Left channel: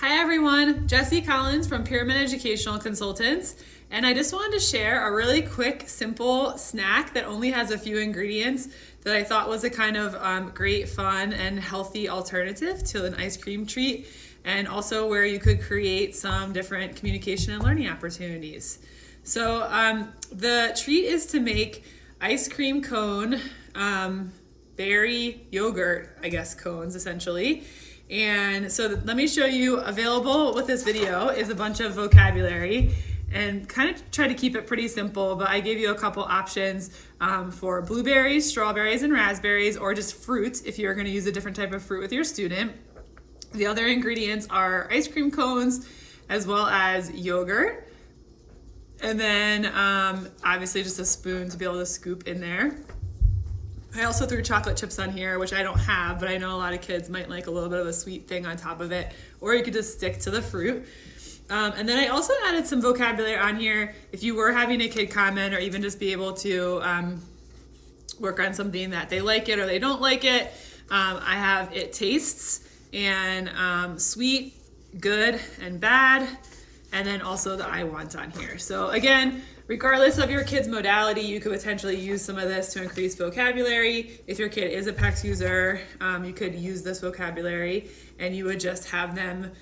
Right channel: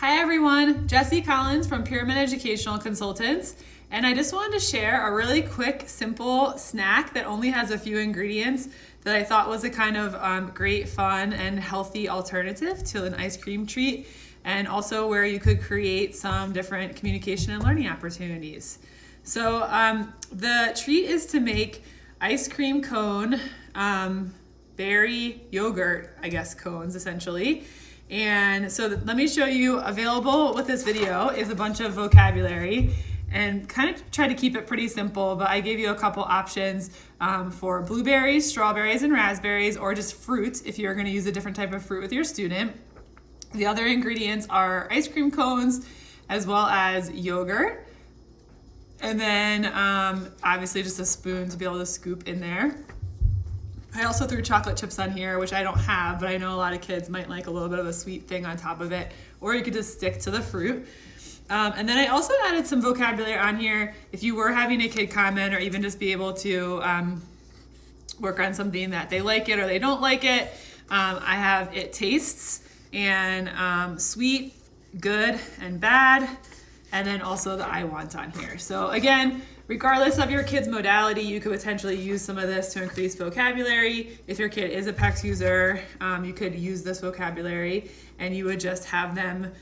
Hi everyone, Jessie Collins from Pyramid Educational Consultants, and I just wanted to share a really quick, simple snack that only has a few ingredients that I thought was a kind of great, fun, and healthy alternative to an ice cream treat, and also where you could create some different communication and learning opportunities. So the treat is to make ice cream cone, berry yogurt, I guess, cones essentially. And so let me show you, available with this video is a bunch of vocabulary and kind of try to keep it pretty simple, but I gave you a couple options for blueberries, strawberries, and raspberries, or just fruit if you're going to use a different type of fruit with your student. The other ingredients are ice cream cones as well as yogurt. And then obviously just a spoon to be able to scoop in there. I also threw chocolate chips on here, which I don't have, but I know a lot of kids might like a little bit of a sweet thing on top of it, or you could just stick to the fruit. And then I also added some vocabulary on here if you were having a kid comment, or even just be able to work on something that they like it or they don't like it. I have it tastes and sweet, good, and bad, and then also the I want on here. So again, regardless of your kid's modality, you could potentially use some of this to increase vocabulary. If your kid is a PECS user, you could use this vocabulary and you would just have them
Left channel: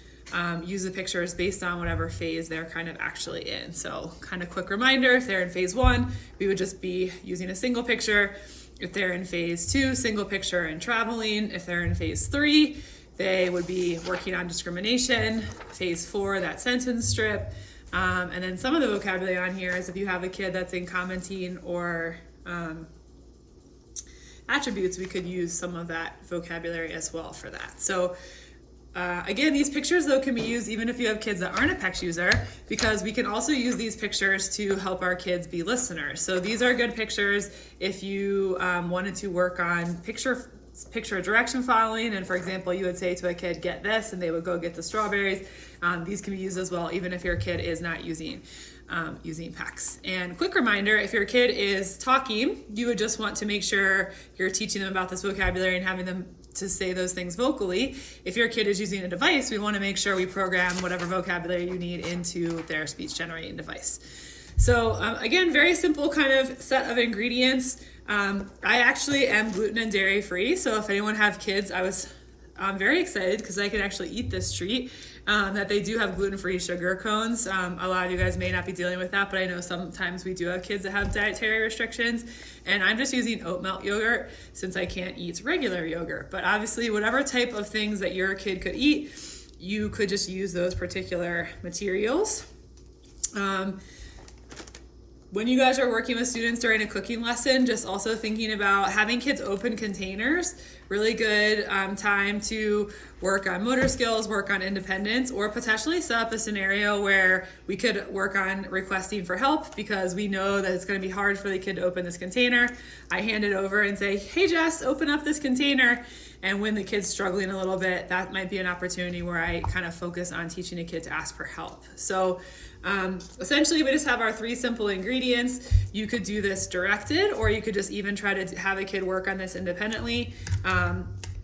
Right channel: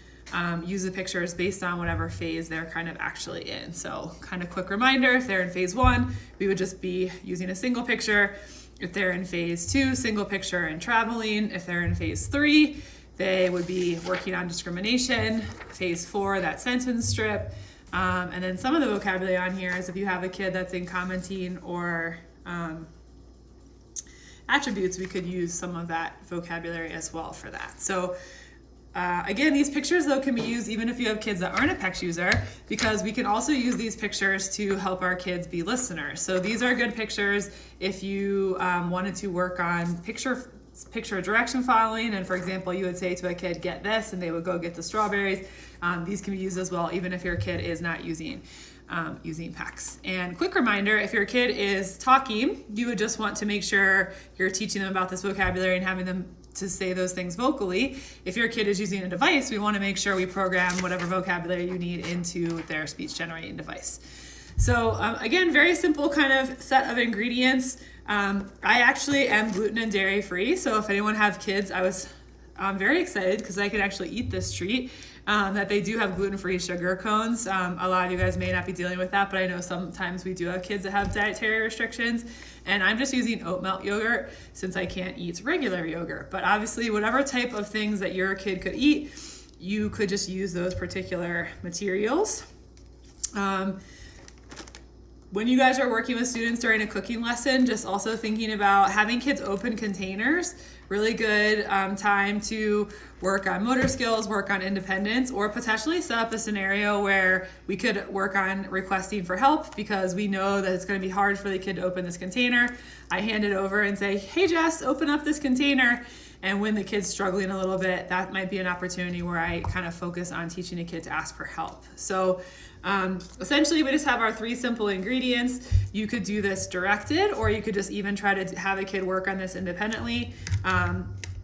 use the pictures based on whatever phase they're kind of actually in. So kind of quick reminder, if they're in phase 1, we would just be using a single picture. If they're in phase 2, single picture and traveling. If they're in phase 3, they would be working on discrimination. Phase 4, that sentence strip. And then some of the vocabulary on here is if you have a kid that's in commenting or attributes, we could use some of that vocabulary as well for that. So again, these pictures though can be used even if you have kids that aren't a PECS user, because we can also use these pictures to help our kids be listeners. So these are good pictures if you wanted to work on picture direction following, and for example, you would say to a kid, get this, and they would go get the strawberries. These can be used as well, even if your kid is not using PECS. And quick reminder, if your kid is talking, you would just want to make sure you're teaching them about this vocabulary and having them to say those things vocally. If your kid is using a device, we want to make sure we program whatever vocabulary you need into their speech generating device. So again, very simple kind of set of ingredients. I actually am gluten and dairy free, so if anyone have kids, I was very excited because I could actually eat this treat. That they do have gluten-free sugar cones. A lot of you guys may not be dealing with that, but I know sometimes we do have kids that have dietary restrictions, and I'm just using oat milk yogurt since I can't eat regular yogurt. But obviously, whatever type of things that your kid could eat, you could just use those particular materials. When you guys are working with students during a cooking lesson, just also thinking about having kids open containers, really good time to work on motor skills, work on independence, or potentially set up a scenario where we could work on requesting for help because we know that it's going to be hard for the kid to open this container. I hand it over and say, hey Jess, open up this container. And when the kid's struggling a little bit, that might be an opportunity where I kind of focus on teaching a kid to ask for help. So essentially we just have our 3 simple ingredients. You could do this directed, or you could just even try to have a kid work on this independently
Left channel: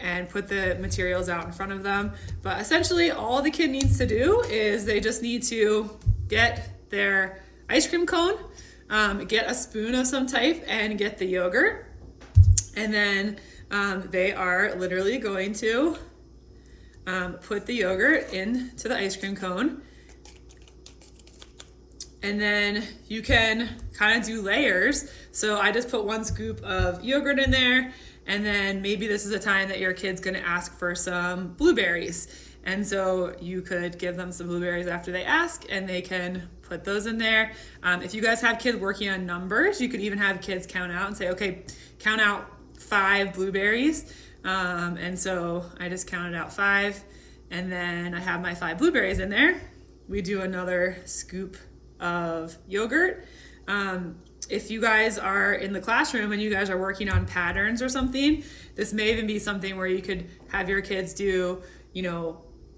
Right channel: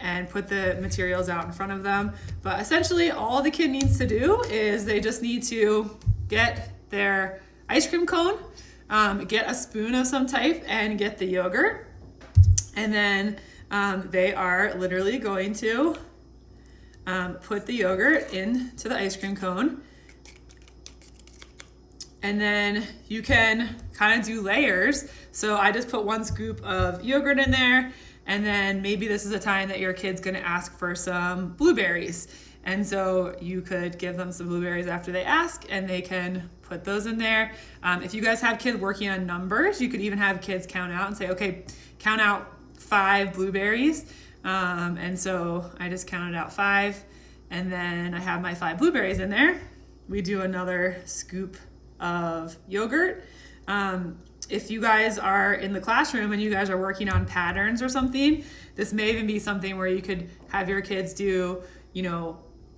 and put the materials out in front of them. But essentially all the kid needs to do is they just need to get their ice cream cone, get a spoon of some type, and get the yogurt. And then they are literally going to put the yogurt into the ice cream cone. And then you can kind of do layers. So I just put 1 scoop of yogurt in there, and then maybe this is a time that your kid's gonna ask for some blueberries. And so you could give them some blueberries after they ask, and they can put those in there. If you guys have kids working on numbers, you could even have kids count out and say, okay, count out 5 blueberries. And so I just counted out 5, and then I have my 5 blueberries in there. We do another scoop of yogurt. If you guys are in the classroom and you guys are working on patterns or something, this may even be something where you could have your kids do,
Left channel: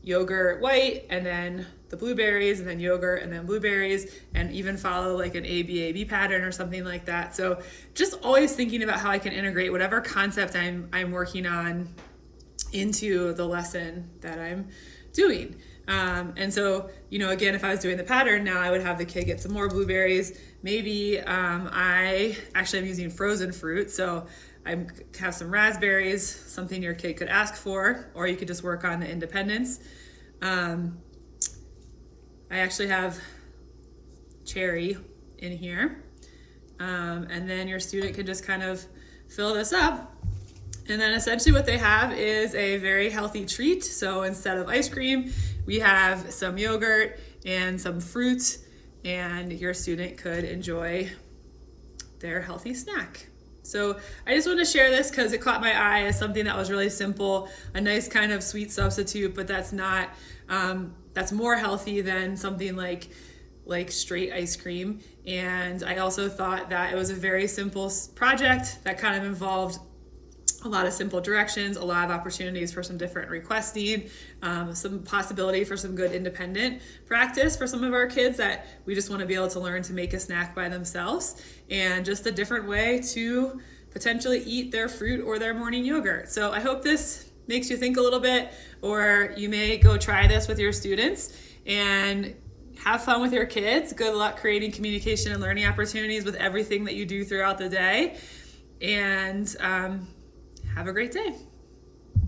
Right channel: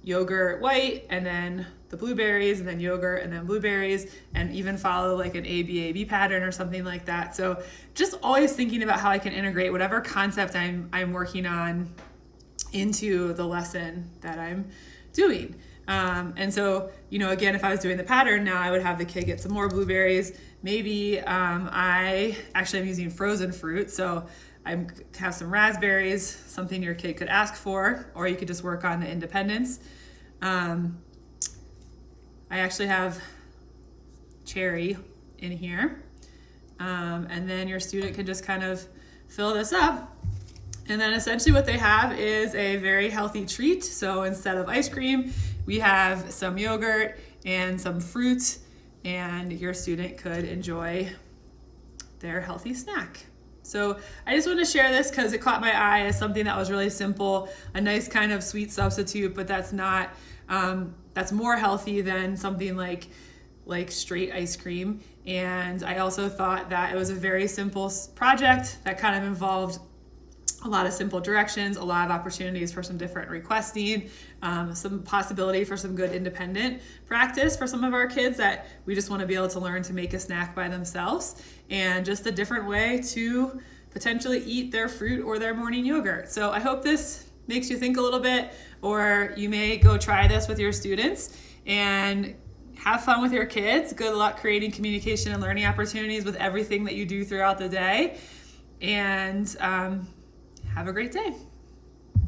yogurt white and then the blueberries and then yogurt and then blueberries, and even follow like an ABAB pattern or something like that. So just always thinking about how I can integrate whatever concept I'm working on into the lesson that I'm doing. And so, again, if I was doing the pattern now, I would have the kid get some more blueberries. Maybe I actually am using frozen fruit. So I have some raspberries, something your kid could ask for, or you could just work on the independence. I actually have cherry in here. And then your student can just kind of fill this up. And then essentially what they have is a very healthy treat. So instead of ice cream, we have some yogurt and some fruit, and your student could enjoy their healthy snack. So I just want to share this because it caught my eye as something that was really simple, a nice kind of sweet substitute, but that's not, that's more healthy than something like straight ice cream. And I also thought that it was a very simple project that kind of involved a lot of simple directions, a lot of opportunities for some different requesting, some possibility for some good independent practice for some of our kids that we just want to be able to learn to make a snack by themselves, and just a different way to potentially eat their fruit or their morning yogurt. So I hope this makes you think a little bit, or you may go try this with your students and have fun with your kids. Good luck creating communication and learning opportunities with everything that you do throughout the day. And have a great day.